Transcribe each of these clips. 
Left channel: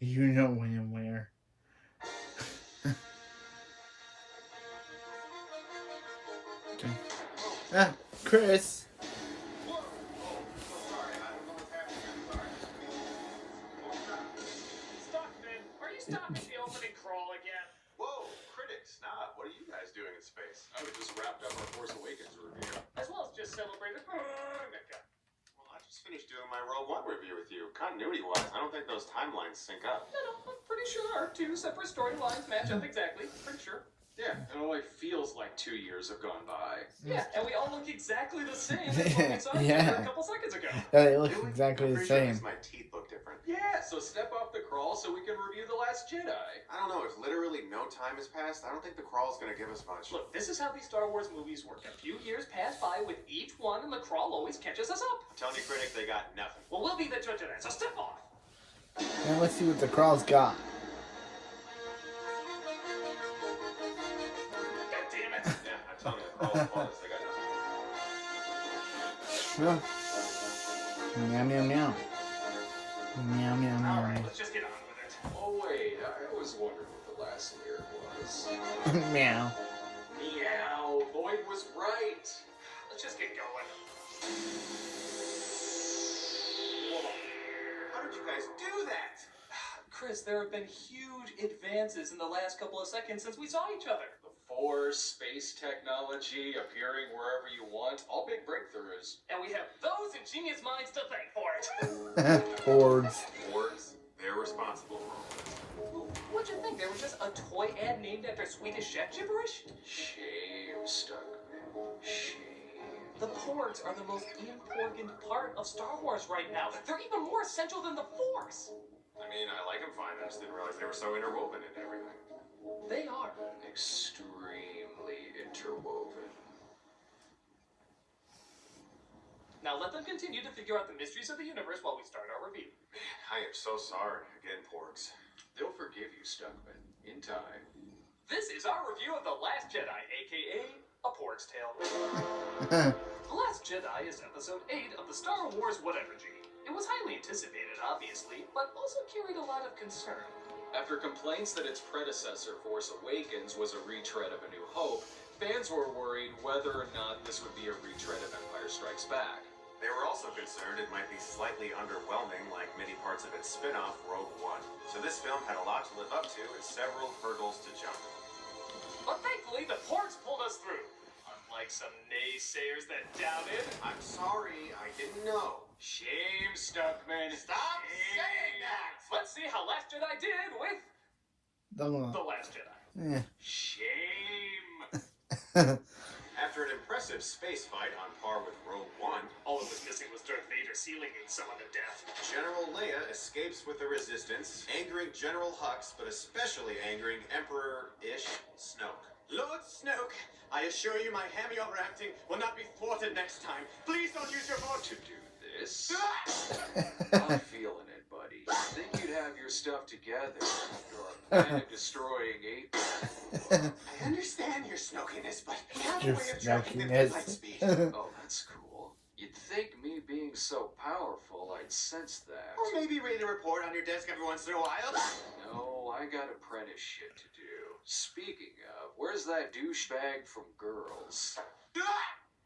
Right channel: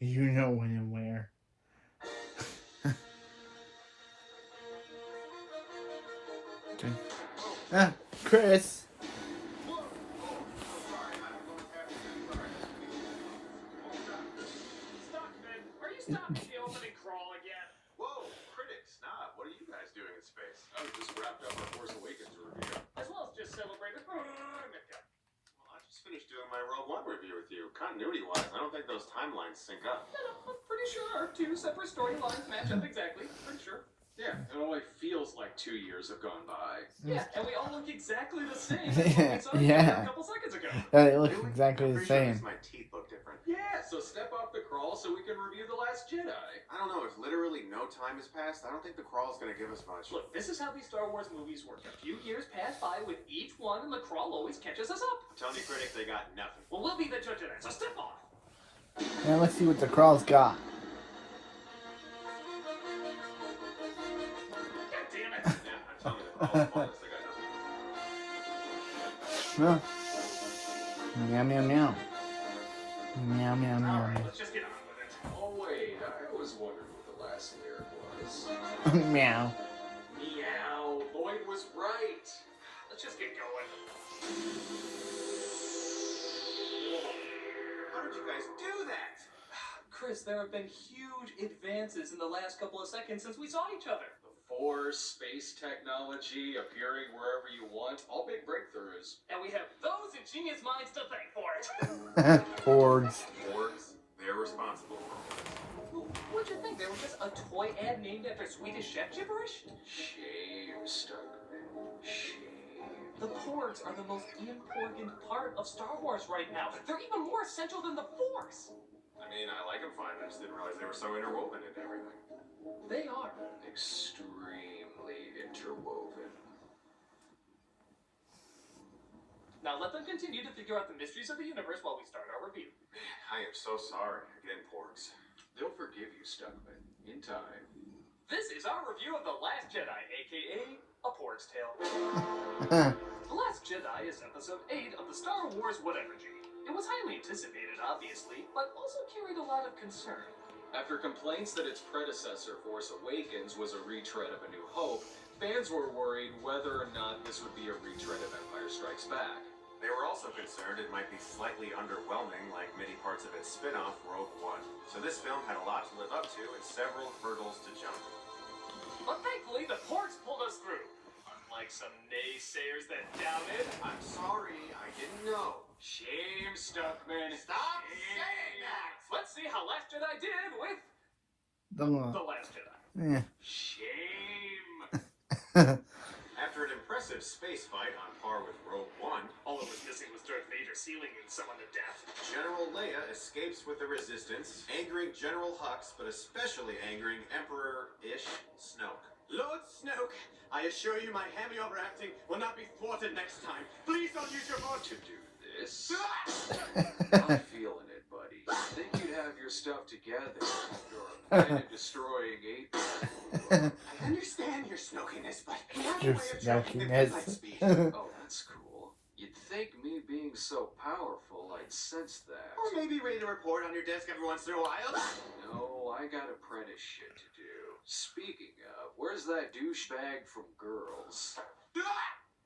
You know when and where. Ah, Chris. Stockman, are you stopping the opening crawl again? Whoa, critics, nah, what are you guys doing in space? I just wrapped up our Force Awakens review. As well as just celebrated. Well, I just finished doing my Rogue One review with you. Continuity-wise, I don't think those timelines sync up. No, I'm pretty sure our two separate storylines match up exactly. Pretty sure. Yeah, it only feels like 2 years have gone by. Yeah, and we all look exactly the same as what we saw each other a couple seconds ago. They look Really? exactly I'm the pretty sure at same. least my teeth look different. Yeah, so step off the crawl so we can review The Last Jedi. I don't know, if literally no time has passed, I don't think the crawl's gonna give us much. Look, this is how these Star Wars movies work. A few years pass by with each one, and the crawl always catches us up. I'm telling you, critic, they got nothing. Well, we'll be the judge of that, so step off. Now let's see what the crawl's got. God damn it. Yeah, I'm telling you, the crawl's flawless, they got nothing. Meow, meow, meow. Meow, meow, All meow. right, let's just get on with it. Oh wait, I was wondering what the last lyric was. Meow. Meow, Lloyd was right. Let's just get going. How did you guys do that? Chris, there have been huge advances in the last couple of seconds since we saw each other. The Force, space technology, appearing wherever you want, all big breakthroughs. And we have those ingenious minds to thank for it. Boards. Orgs, they're responsible for all this. What'd you think? They were just a toy ad named after Swedish chef gibberish? Shame, Stuckman. Shame. The Porgs are the most important part of Star Wars right now. They're even more essential than the Force. I mean, I like them fine, I just didn't realize they were so interwoven into everything. They are. Extremely interwoven. Now let them continue to figure out the mysteries of the universe while we start our review. Man, I am so sorry. Again, porgs. They'll forgive you, Stuckman, in time. This is our review of The Last Jedi, aka A Porg's Tale. The Last Jedi is episode 8 of the Star Wars Whatever-G. It was highly anticipated, obviously, but also carried a lot of concern. After complaints that its predecessor, Force Awakens, was a retread of A New Hope, fans were worried whether or not this would be a retread of Empire Strikes Back. They were also concerned it might be slightly underwhelming like many parts of its spin-off, Rogue One. So this film had a lot to live up to and several hurdles to jump. But thankfully, the Porgs pulled us through. Unlike some naysayers that doubted. I'm sorry, I didn't know. Shame, Stuckman. Stop Shame. saying that! Let's see how Last Jedi did with The The Last Jedi. Yeah. Shame. After an impressive space fight on par with Rogue One, All it was missing was Darth Vader sealing someone to death. General Leia escapes with the Resistance, angering General Hux, but especially angering Emperor-ish Snoke. Lord Snoke, I assure you my heavy overacting will not be thwarted next time. Please don't use your voice To do this? I'm feeling it, buddy. Think you'd have your stuff together after our planet-destroying 8. I understand your snokiness, but we have a way of tracking them at light speed. Oh, that's cool. You'd think me being so powerful, I'd sense that. Or maybe read a report on your desk every once in a while. No, I got apprentice shit to do. Speaking of, where's that douchebag from Girls?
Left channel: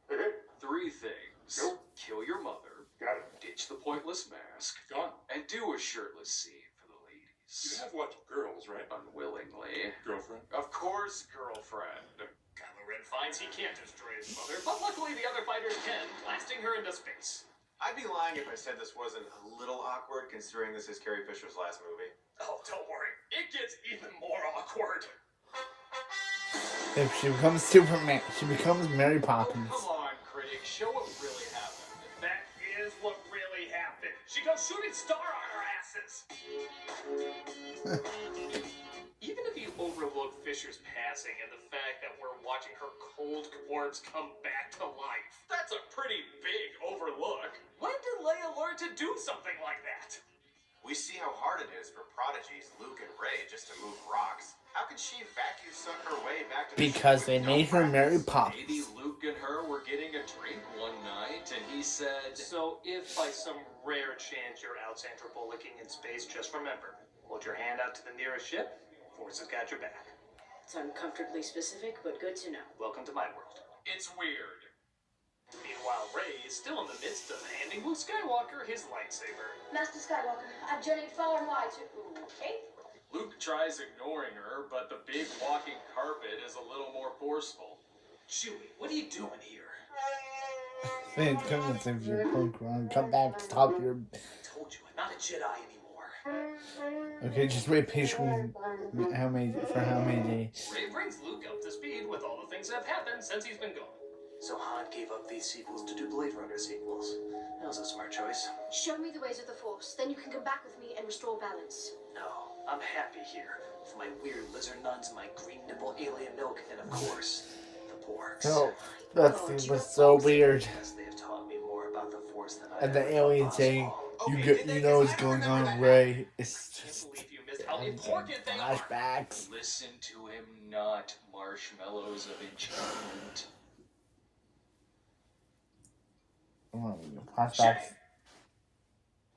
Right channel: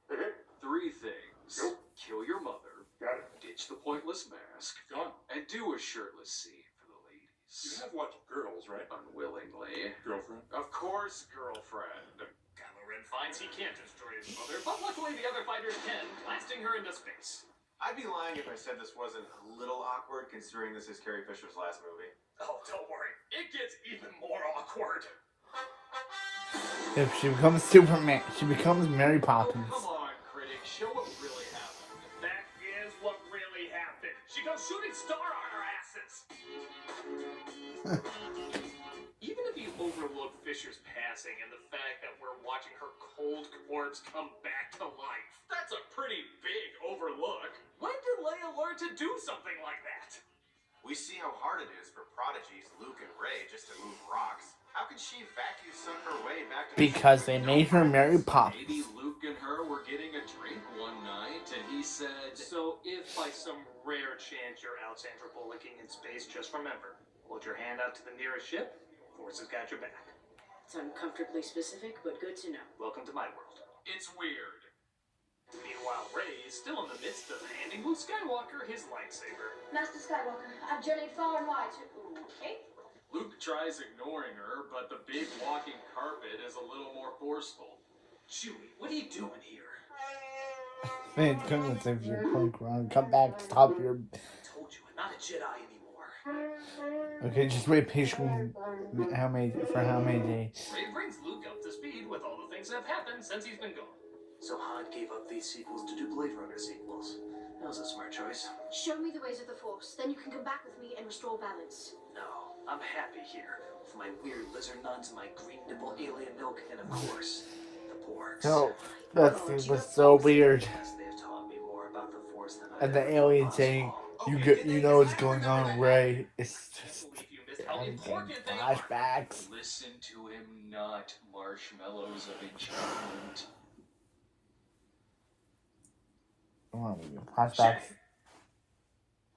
3 things. Nope. Kill your mother. Got it. Ditch the pointless mask. Gone. And do a shirtless scene for the ladies. You have what? Girls, right? Unwillingly. Girlfriend? Of course, girlfriend. Kylo Ren finds he can't destroy his mother, but luckily the other fighters can, blasting her into space. I'd be lying if I said this wasn't a little awkward, considering this is Carrie Fisher's last movie. Oh, don't worry. It gets even more awkward. If she becomes Superman, she becomes Mary Oh, Poppins. come on, critic. Show what really happened. That is what really happened. She goes shooting star on our asses. Even if you overlook Fisher's passing and the fact that we're watching her cold corpse come back to life, that's a pretty big overlook. When did Leia learn to do something like that? We see how hard it is for prodigies Luke and Rey just to move rocks. How can she vacuum suck her way back to the Because ship they with no made her Mary practice? Maybe Poppins. Luke and her were getting a drink one night, and he said, So if by some rare chance you're out Sandra Bullocking in space, just remember, Hold your hand out to the nearest ship. Force has got your back. It's uncomfortably specific, but good to know. Welcome to my world. It's weird. Meanwhile, Rey is still in the midst of handing Luke Skywalker his lightsaber. Master Skywalker, I've journeyed far and wide to... Okay? Luke tries ignoring her, but the big walking carpet is a little more forceful. Chewie, what are you doing here? Man, come on, save your Pokemon. Come back, stop your... I told you, I'm not a Jedi anymore. Okay, just wait patiently. How many days? Rey brings Luke up to speed with all the things that have happened since he's been gone. So Han gave up these sequels to do Blade Runner sequels. That was a smart choice. Show me the ways of the Force, then you can come back with me and restore balance. No, I'm happy here. With my weird lizard nuns, my green nipple alien milk, and of course, the Borgs. No, that thing was so weird. Yes, they have taught me more about the Force than I And the ever alien thought saying, possible. you know what's going on with Rey. It's I just... can't believe you missed how important they are. Flashbacks. Listen to him, not marshmallows of enchantment. Flashbacks.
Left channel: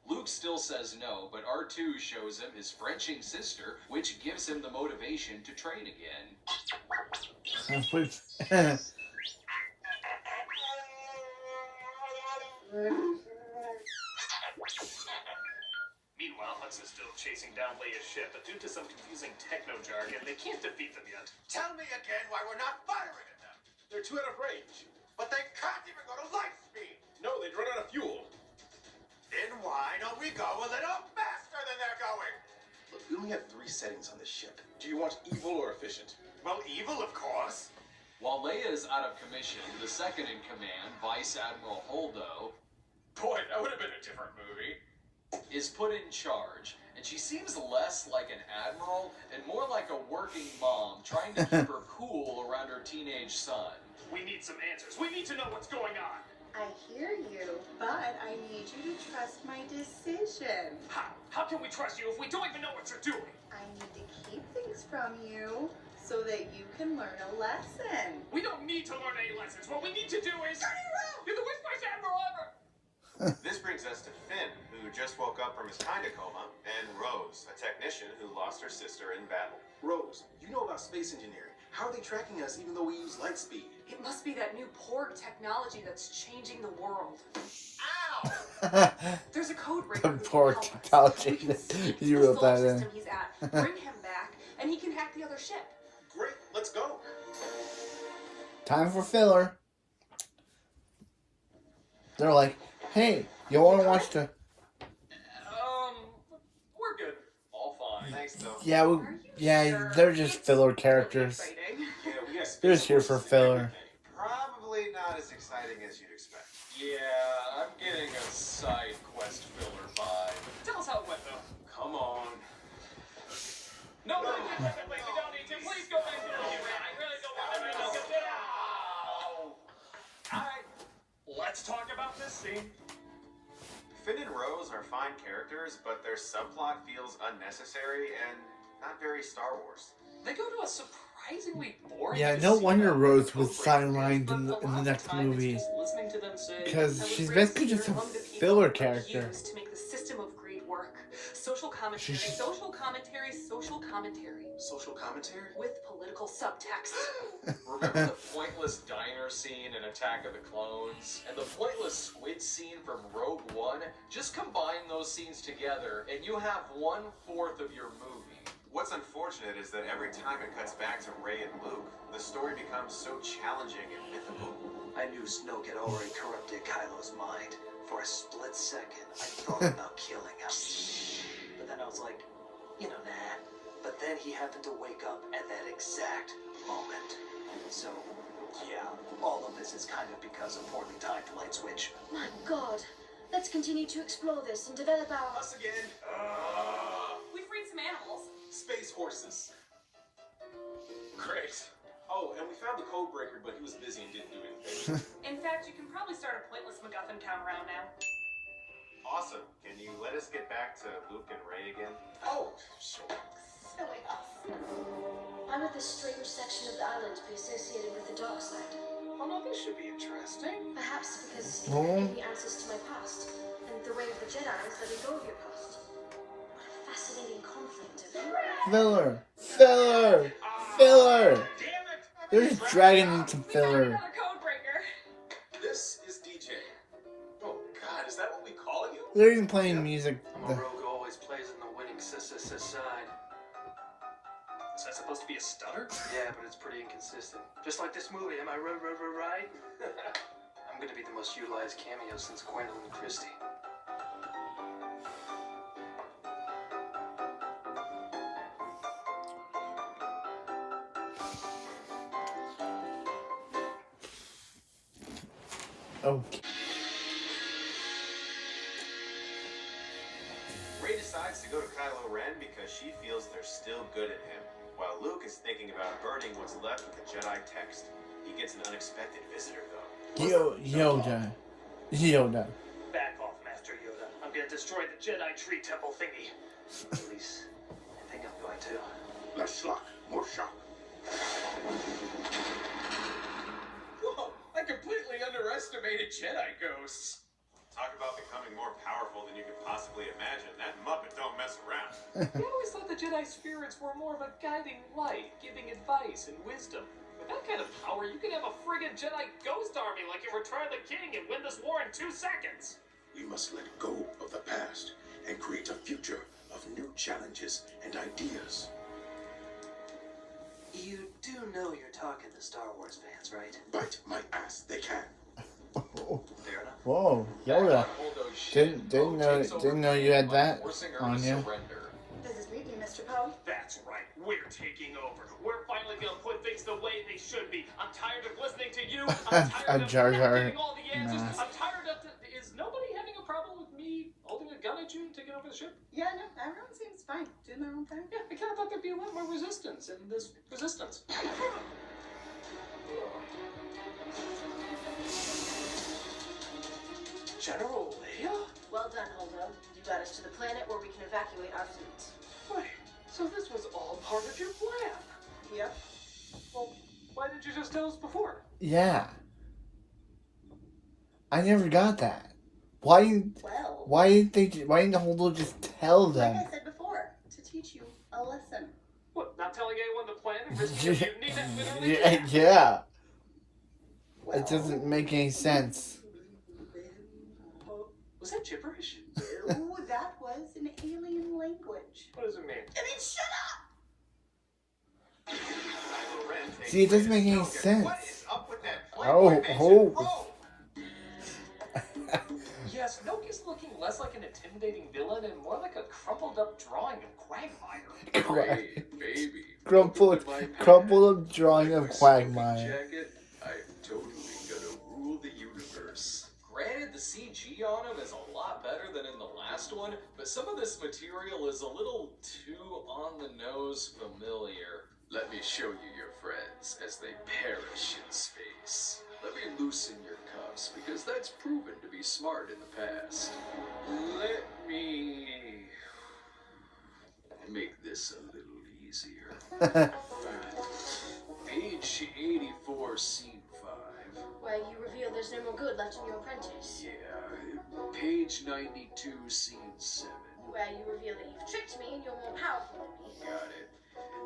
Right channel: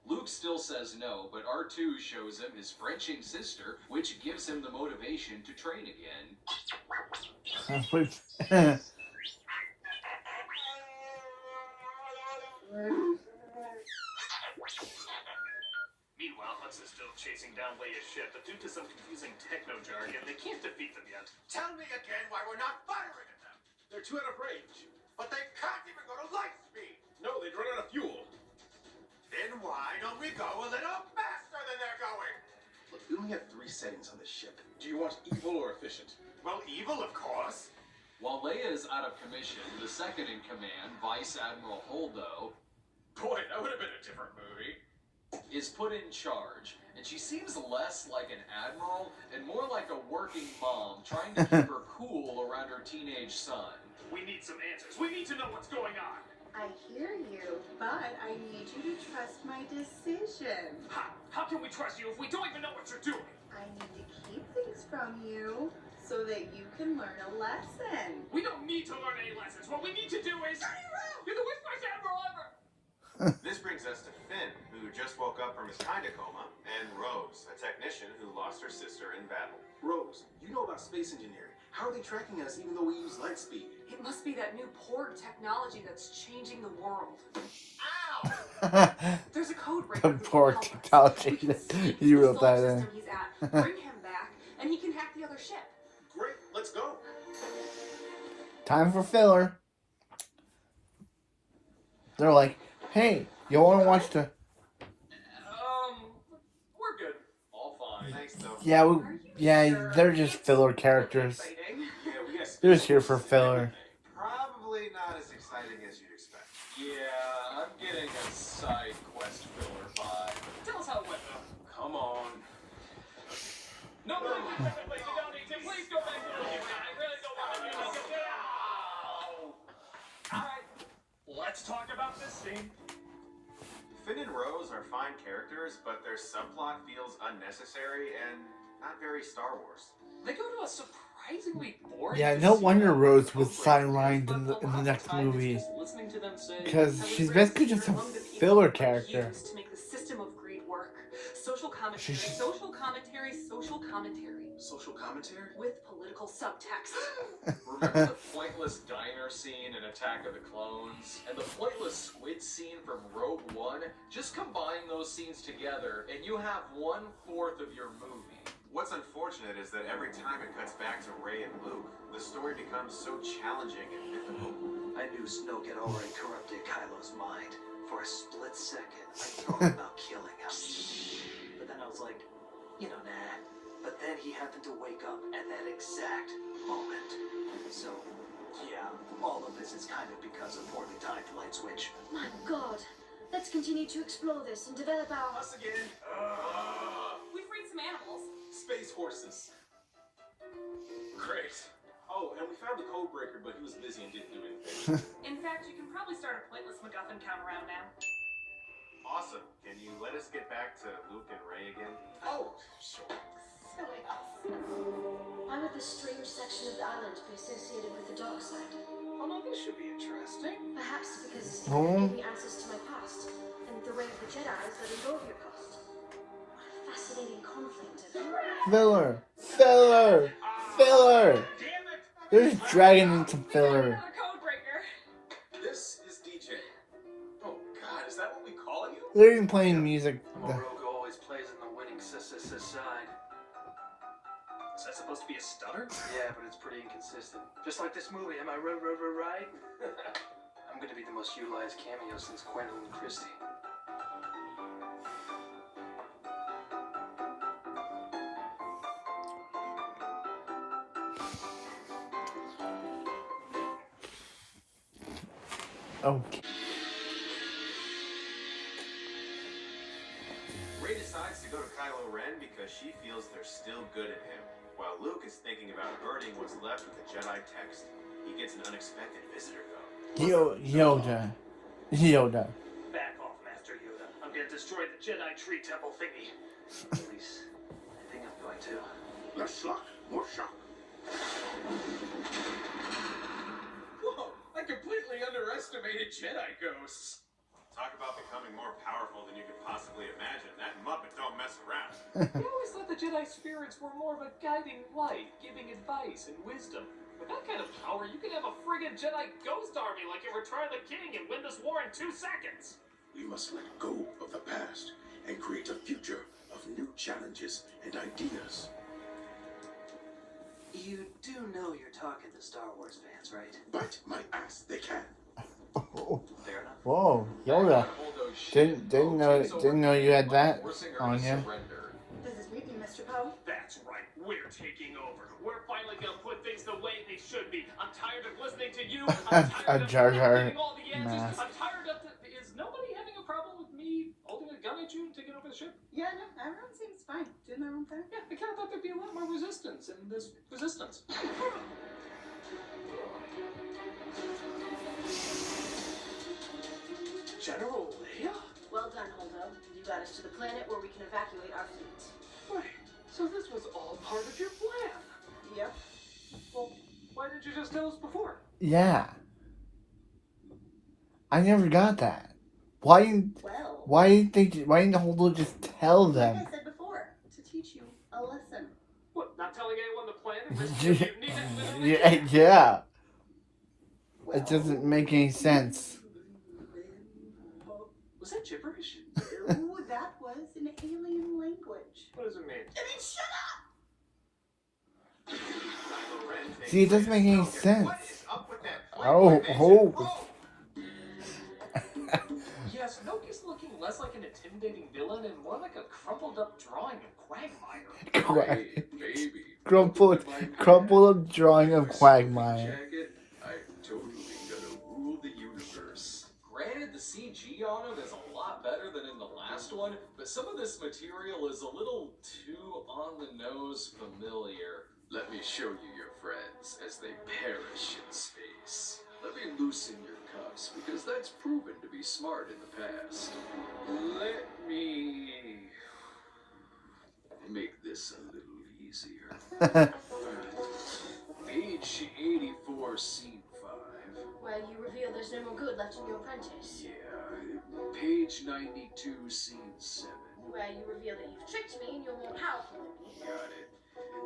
Luke still says no, but R2 shows him his Frenching sister, which gives him the motivation to train again. Meanwhile, Hudson's still chasing down Leia's ship, but due to some confusing techno jargon, they can't defeat them yet. Tell me again why we're not firing at them. They're too out of range. But they can't even go to light speed. No, they'd run out of fuel. Then why don't we go a little faster than they're going? Look, we only have 3 settings on this ship. Do you want evil or efficient? Well, evil, of course. While Leia is out of commission, the second in command, Vice Admiral Holdo, Boy, that would have been a different movie. is put in charge, and she seems less like an admiral and more like a working mom trying to keep her cool around her teenage son. We need some answers. We need to know what's going on. I hear you, but I need you to trust my decision. How can we trust you if we don't even know what you're doing? I need to keep things from you so that you can learn a lesson. We don't need to learn any lessons. What we need to do is... You're the worst Vice Admiral ever! This brings us to Finn, who just woke up from his kinda coma, and Rose, a technician who lost her sister in battle. Rose, you know about space engineering. How are they tracking us even though we use light speed? It must be that new Porg technology that's changing the world. Ow! There's a code breaker The who can Porg help us. technology. We can sneak You to the wrote solar that in. system he's at, bring him back, and he can hack the other ship. Great, let's go. Time for filler. They're like, hey, you want to watch the... We're good. All fine. Thanks, though. Yeah, Are you sure? they're just It's filler really characters. exciting. Yeah, we got They're space just here for forces and filler. everything. Probably not as exciting as you'd expect. Yeah, I'm getting a side quest filler vibe. Tell us how it went, though. Come on. No, wait, we don't need to. Please go back to the beginning. I really don't want to do this. Alright, let's talk about this scene. Finn and Rose are fine characters, but their subplot feels unnecessary and not very Star Wars. They go to a surprisingly boring Yeah, no casino wonder where Rose the was code breaker sidelined is, in but the a lot of next time it's movie. just listening to them say, Because I was she's raised basically here just a among the people filler like character. yous to make the system of greed work. Social commentary, She's- social commentary, social commentary. Social commentary? With political subtext. Remember the pointless diner scene in Attack of the Clones? And the pointless squid scene from Rogue One? Just combine those scenes together and you have 1/4 of your movie. What's unfortunate is that every time it cuts back to Rey and Luke, the story becomes so challenging and mythical. I knew Snoke had already corrupted Kylo's mind. For a split second, I thought about killing him. But then I was like, nah. But then he happened to wake up at that exact moment. So, yeah, all of this is kind of because of poorly timed light switch. My God. Let's continue to explore this and develop our... Us again. We freed some animals. Space horses. Great. Oh, and we found the code breaker, but he was busy and didn't do anything. In fact, you can probably start a pointless MacGuffin count around now. Awesome. Can you let us get back to Luke and Rey again? Oh, sure. Silly us. Why would this strange section of the island be associated with the dark side? Oh no, this should be interesting. Perhaps because it Oh. gave me answers to my past, and the way of the Jedi is letting go of your past. What a fascinating conflict. Filler. Filler. Filler. Damn it! They're just dragging into We got filler. another code breaker. This is DJ. Oh God, is that what we call you? They're even playing music. I'm a rogue who always plays on the winning side. Is that supposed to be a stutter? Yeah, but it's pretty inconsistent. Just like this movie, am I right? I'm gonna be the most utilized cameo since Gwendolyn Christie. Okay. Rey decides to go to Kylo Ren because she feels they're still good at him, while Luke is thinking about burning what's left of the Jedi text. He gets an unexpected visitor, though. Yoda. Back off, Master Yoda. I'm gonna destroy the Jedi tree temple thingy. At least, I think I'm going to. Less schlock, more shock. Whoa, I completely underestimated Jedi ghosts. Talk about becoming more powerful than you could possibly imagine. That Muppet don't mess around. I always thought the Jedi spirits were more of a guiding light, giving advice and wisdom. With that kind of power, you could have a friggin' Jedi ghost army like in Return of the King and win this war in 2 seconds. We must let go of the past and create a future of new challenges and ideas. You do know you're talking to Star Wars fans, right? Bite my ass, they can. Fair enough. Whoa, Back Yoda. on Holdo's ship, Didn't Poe know takes over didn't know you had Anakin by that forcing her on to you. surrender. Does this meet me, Mr. Poe? That's right, we're taking over. We're finally gonna put things the way they should be. I'm tired of listening to you. I'm tired A of Jar not Jar getting all the answers. mask. I'm tired of is nobody having a problem with me holding a gun at you and taking over the ship? Yeah, no, everyone seems fine. Doing their own thing. Yeah, I kind of thought there'd be a lot more resistance in this resistance. General Leia? Well done, Holdo. You got us to the planet where we can evacuate our fleet. Wait, so this was all part of your plan? Yep. Well, why didn't you just tell us before? Yeah. I never got that. Why didn't Well, why didn't the whole world just tell like them? I said before, to teach you a lesson. What, not telling anyone the plan and risking a mutiny that literally Yeah, yeah. Well, It doesn't make any sense. Was that gibberish? Ooh, that was an alien language. What does it mean? I mean, shut up! Kylo Ren takes See, it doesn't Rey to make any Snoke, and sense. What is up with that Oh, playboy mansion? oh. Yes, Snoke is looking less like an intimidating villain and more like a crumpled up drawing of Quagmire. Hey, baby. Crumpled up drawing of My smoking Quagmire. jacket, I'm totally gonna rule the universe. Granted, the CG on him is a lot better than in the last one, but some of this material is a little too on the nose familiar. Let me show you your friends as they perish in space. Let me loosen your cuffs, because that's proven to be smart in the past. Let me make this a little easier. Page 84, scene 5. Where you reveal there's no more good left in your apprentice. Yeah, page 92, scene 7. Where you reveal that you've tricked me and you're more powerful than me. Got it.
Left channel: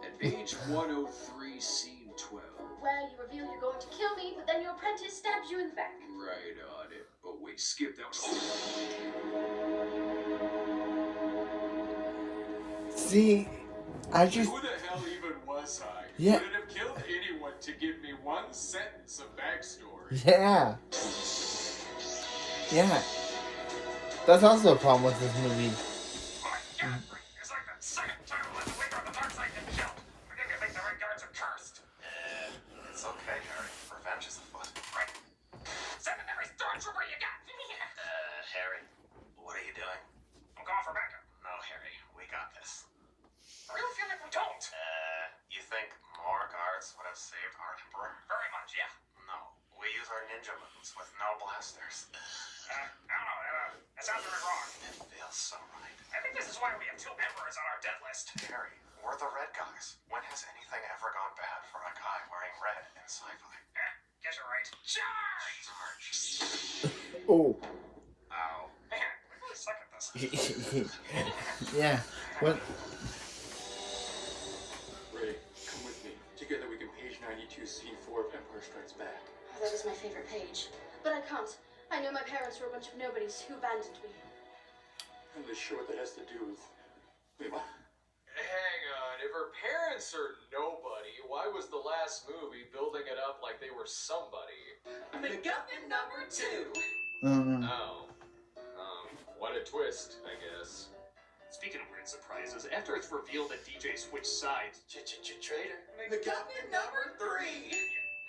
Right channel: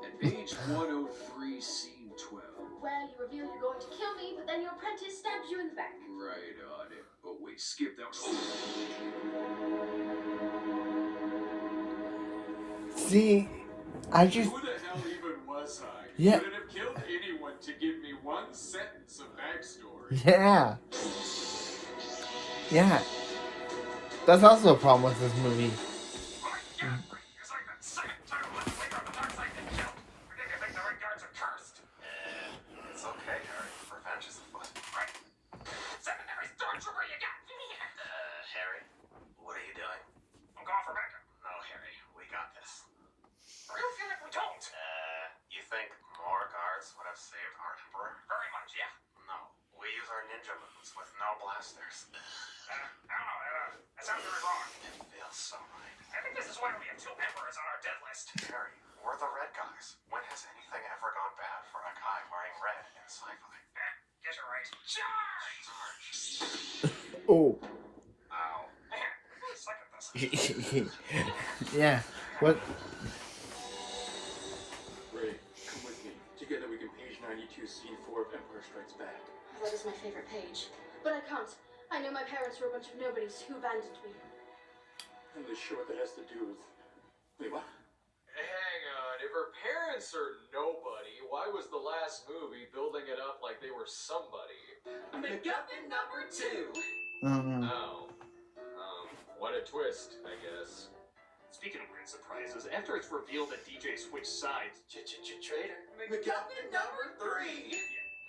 And page 103, scene 12. Where you reveal you're going to kill me, but then your apprentice stabs you in the back. Right on it. But wait, skip that was. See, I just Who the hell even was I? Yeah. Would it have killed anyone to give me one sentence of backstory? yeah. Yeah. That's also a problem with this movie. My God, it's like the second time left wing on the dark side been killed. I think the Red Guards are cursed. It's okay, Harry. Revenge is afoot. Right. Seminary stormtrooper, you got. Harry, what are you doing? I'm going for backup. No, Harry, we got this. I really feel like we don't. You think more guards would have saved our Emperor? Very much, yeah. No, we use our ninja moves with no blasters. I don't know. That sounds really wrong. It feels so right. I think this is why we have 2 emperors on our dead list. Harry, we're the red guys. When has anything ever gone bad for a guy wearing red in sci-fi? Guess you're right. Charge! Oh. Ow. Man, we really suck at this. Yeah. What? you've seen 4 of Empire Strikes Back. Oh, that is my favorite page. But I can't. I know my parents were a bunch of nobodies who abandoned me. I'm not sure what that has to do with... Wait, what? Hang on, if her parents are nobody, why was the last movie building it up like they were somebody? MacGuffin number 2. Oh. What a twist, I guess. Speaking of weird surprises, after it's revealed that DJ switched sides, Traitor. MacGuffin number 3. Yeah,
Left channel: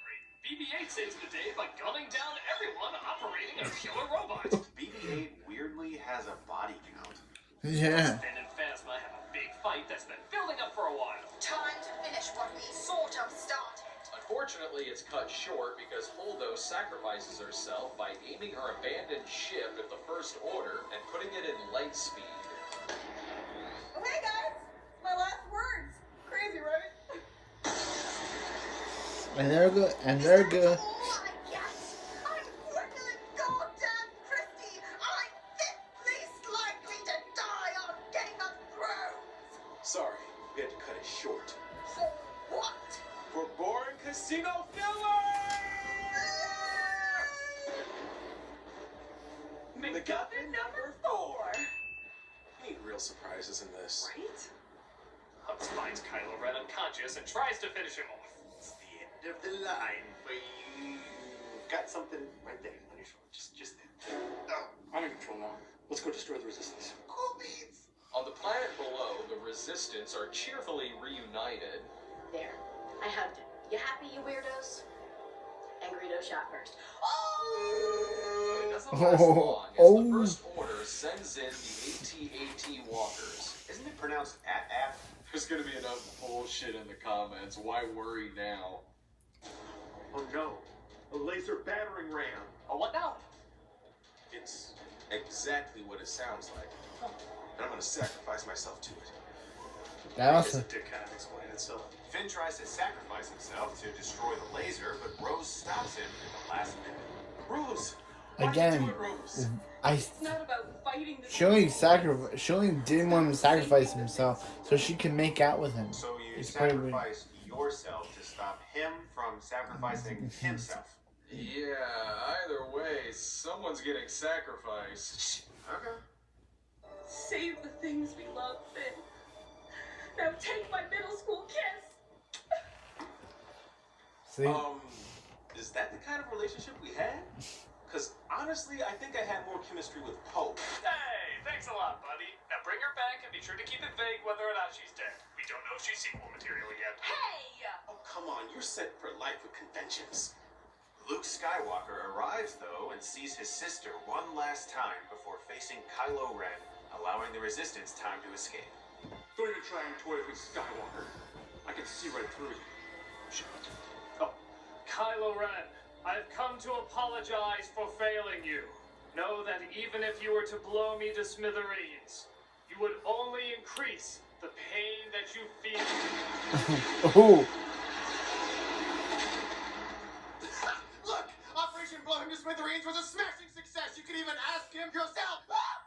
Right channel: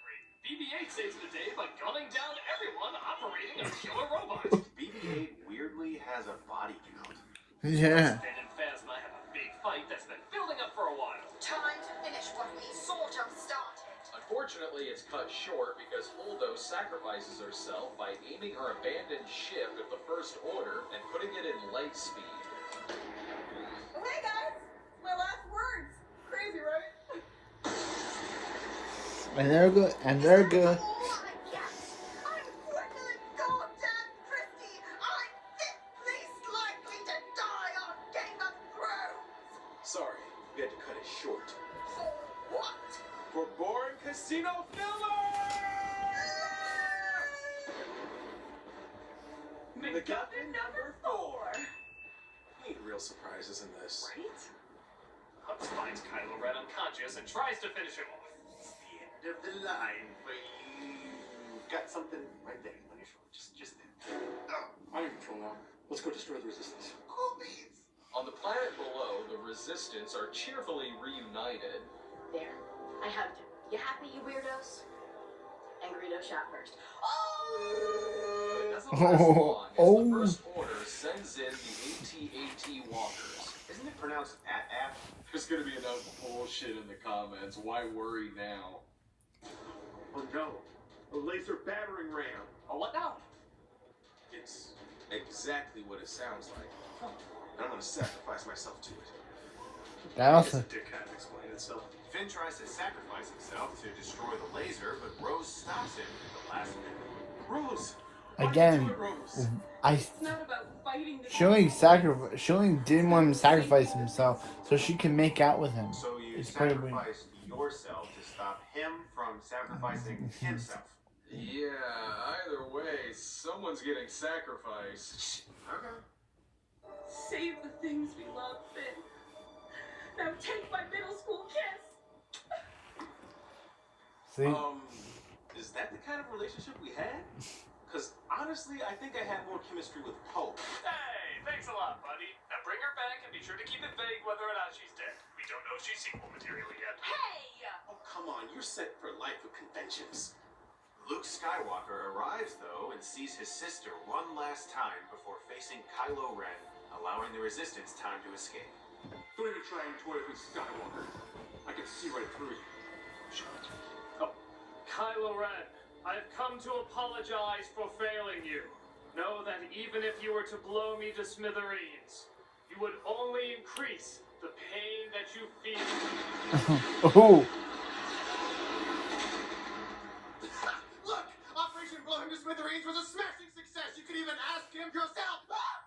great. BB-8 saves the day by gunning down everyone operating a killer robot. BB-8 weirdly has a body count. Yeah. Ben and Phasma have a big fight that's been building up for a while. Time to finish what we sort of started. Unfortunately, it's cut short because Holdo sacrifices herself by aiming her abandoned ship at the First Order and putting it in light speed. Hey guys, my last words. Crazy, right? And they're good. And they're good. All I get. I'm Gwendolyn goddamn Christie. I'm the least likely to die on Game of Thrones. Sorry, we had to cut it short. So what? For boring casino filler! MacGuffin number 4. We need real surprises in this. Right? Hux finds Kylo Ren unconscious and tries to finish him off. It's the end of the line for you. Got something right there on your shoulder. Just there. Oh, I'm in control now. Let's go destroy the Resistance. cool beans. On the planet below, the Resistance are cheerfully reunited. There. I hugged him. You happy, you weirdos? And Greedo shot first. But it doesn't last long, as the First Order sends in the AT-AT walkers. Isn't it pronounced at? There's gonna be enough bullshit in the comments. Why worry now? Oh no, a laser battering ram. Oh, what now? It's exactly what it sounds like. And I'm gonna sacrifice myself to it. I guess it did kind of explain itself. Finn tries to sacrifice himself to destroy the laser, but Rose stops him at the last minute. Rose! Why'd you Again, do it, Rose? It's not about fighting the She only didn't want him to sacrifice himself so she can make out with him. So you It's pretty weird. sacrificed yourself to stop him from sacrificing himself. Yeah, either way, someone's getting sacrificed. Okay. Save the things we love, Finn. Now take my middle school kiss. See? Is that the kind of relationship we had? Because honestly, I think I had more chemistry with Poe. Hey, thanks a lot, buddy. Now bring her back and be sure to keep it vague whether or not she's dead. We don't know if she's sequel material yet. Hey! Oh, come on, you're set for life with conventions. Luke Skywalker arrives, though, and sees his sister one last time before facing Kylo Ren, allowing the Resistance time to escape. Don't even try and toy with Skywalker. I can see right through you. Oh, Kylo Ren, I have come to apologize for failing you. Know that even if you were to blow me to smithereens, you would only increase the pain that you feel. Oh. Look, Operation Blow Him to Smithereens was a smashing success. You could even ask him yourself. Ah!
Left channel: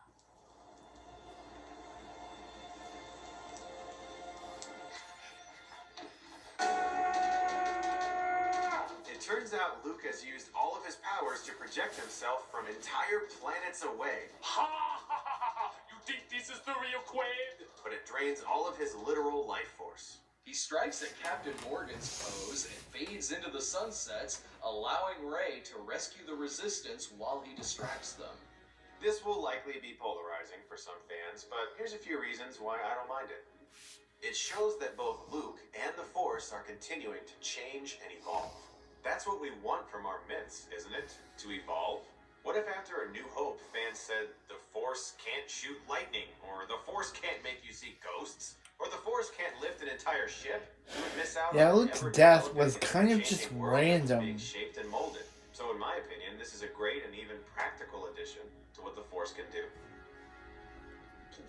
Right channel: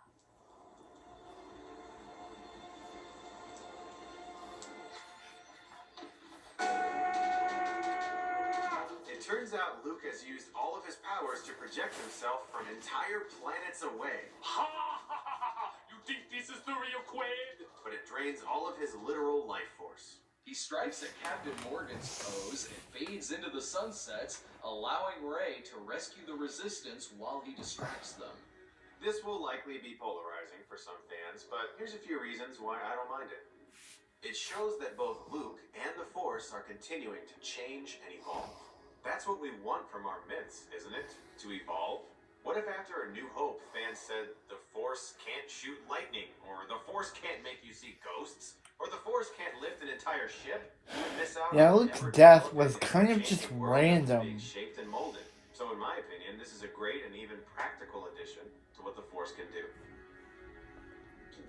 It turns out Luke has used all of his powers to project himself from entire planets away, Ha ha ha ha ha! You think this is the real Quaid? but it drains all of his literal life force. He strikes at Captain Morgan's pose and fades into the sunsets, allowing Rey to rescue the Resistance while he distracts them. This will likely be polarizing for some fans, but here's a few reasons why I don't mind it. It shows that both Luke and the Force are continuing to change and evolve. That's what we want from our myths, isn't it? To evolve? What if after A New Hope fans said the Force can't shoot lightning, or the Force can't make you see ghosts, or the Force can't lift an entire ship? You would miss out Yeah, on Luke's ever death developing was and kind of changing just world that's random. being shaped and molded. So in my opinion, this is a great and even practical addition to what the Force can do.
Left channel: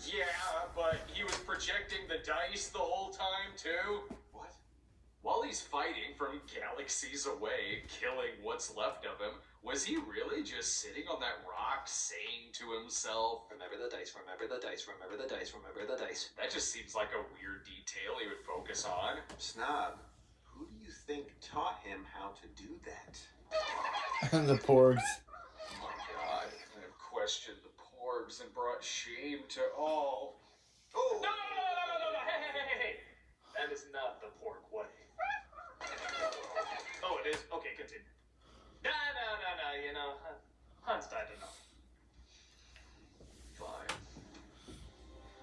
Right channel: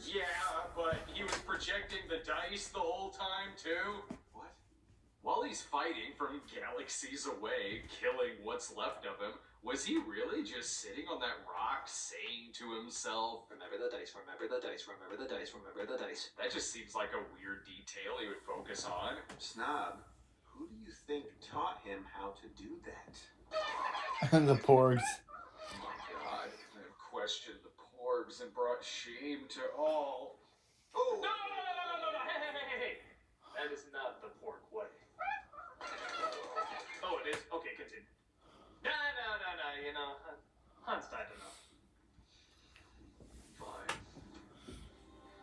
Yeah, but he was projecting the dice the whole time, too. What? While he's fighting from galaxies away, killing what's left of him, was he really just sitting on that rock saying to himself, Remember the dice, remember the dice, remember the dice, remember the dice. that just seems like a weird detail he would focus on. Snob, who do you think taught him how to do that? The porgs. Oh my god, I have questioned the porgs and brought shame to all. Oh! No! Hey! That is not the pork way. Oh, it is? Okay, continue. No, you know, Han's died enough. Fine.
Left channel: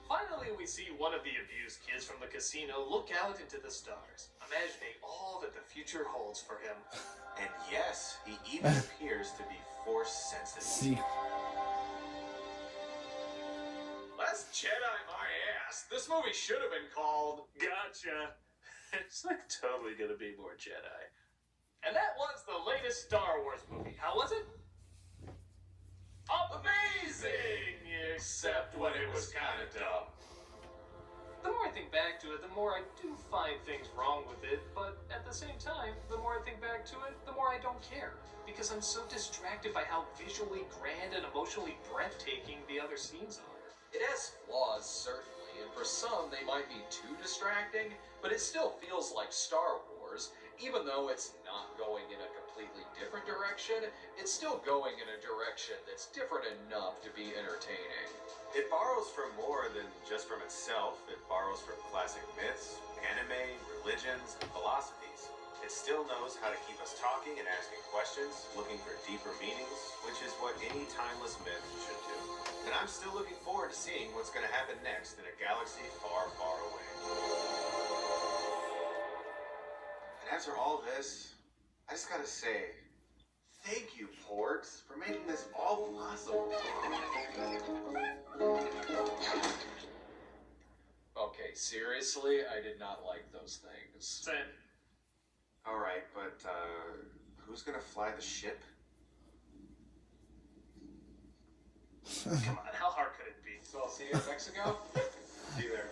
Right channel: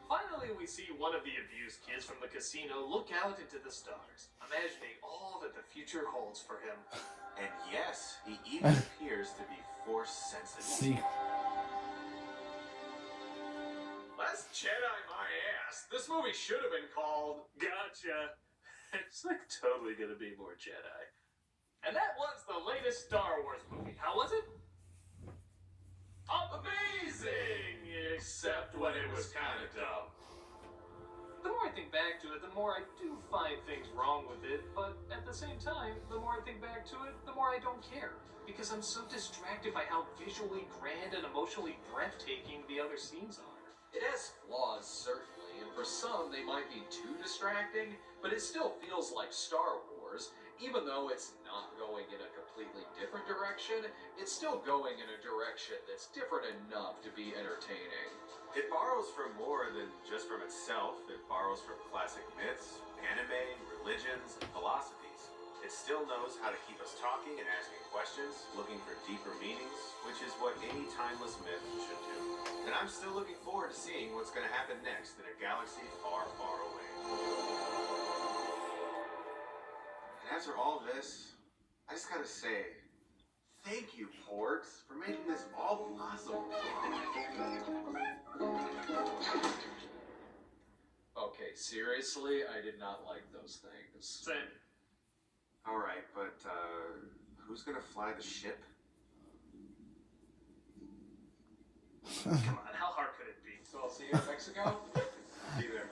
Finally, we see one of the abused kids from the casino look out into the stars, imagining all that the future holds for him. And yes, he even appears to be force sensitive. See, Last Jedi, my ass. This movie should have been called. Gotcha. It's like totally gonna be more Jedi. And that was the latest Star Wars movie. How was it? Amazing! Except when it was kind of dumb. The more I think back to it, the more I do find things wrong with it, but at the same time, the more I think back to it, the more I don't care. Because I'm so distracted by how visually grand and emotionally breathtaking the other scenes are. It has flaws, certainly, and for some they might be too distracting, but it still feels like Star Wars. Even though it's not going in a completely different direction, it's still going in a direction that's different enough to be entertaining. It borrows from more than just from itself. It borrows from classic myths, anime, religions, and philosophies. It still knows how to keep us talking and asking questions, looking for deeper meanings, which is what any timeless myth should do. And I'm still looking forward to seeing what's going to happen next in a galaxy far, far away. And after all this, I just gotta say, thank you, Porgs, for making this all possible. Okay, seriously, I did not like those things. Same. Alright, but, who's gonna fly the ship? Come on, how hard could it be? So I'll see you in Mexico? See you there.